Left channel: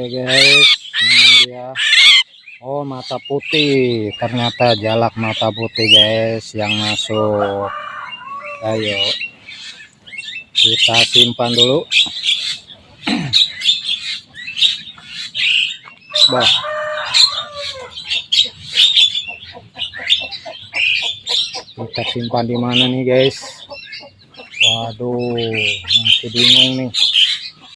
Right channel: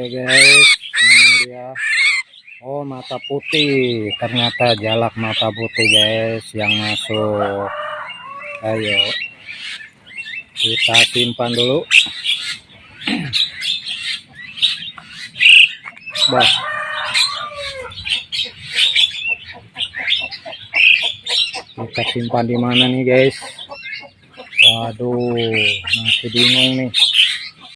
Oke guys, ini dia. Oh, mata putih, ternyata jalak mata putih guys yang masuk. Ayo kita simpan dulu. Bah, kita simpan di mana nih guys? Waduh, masih bingung nih.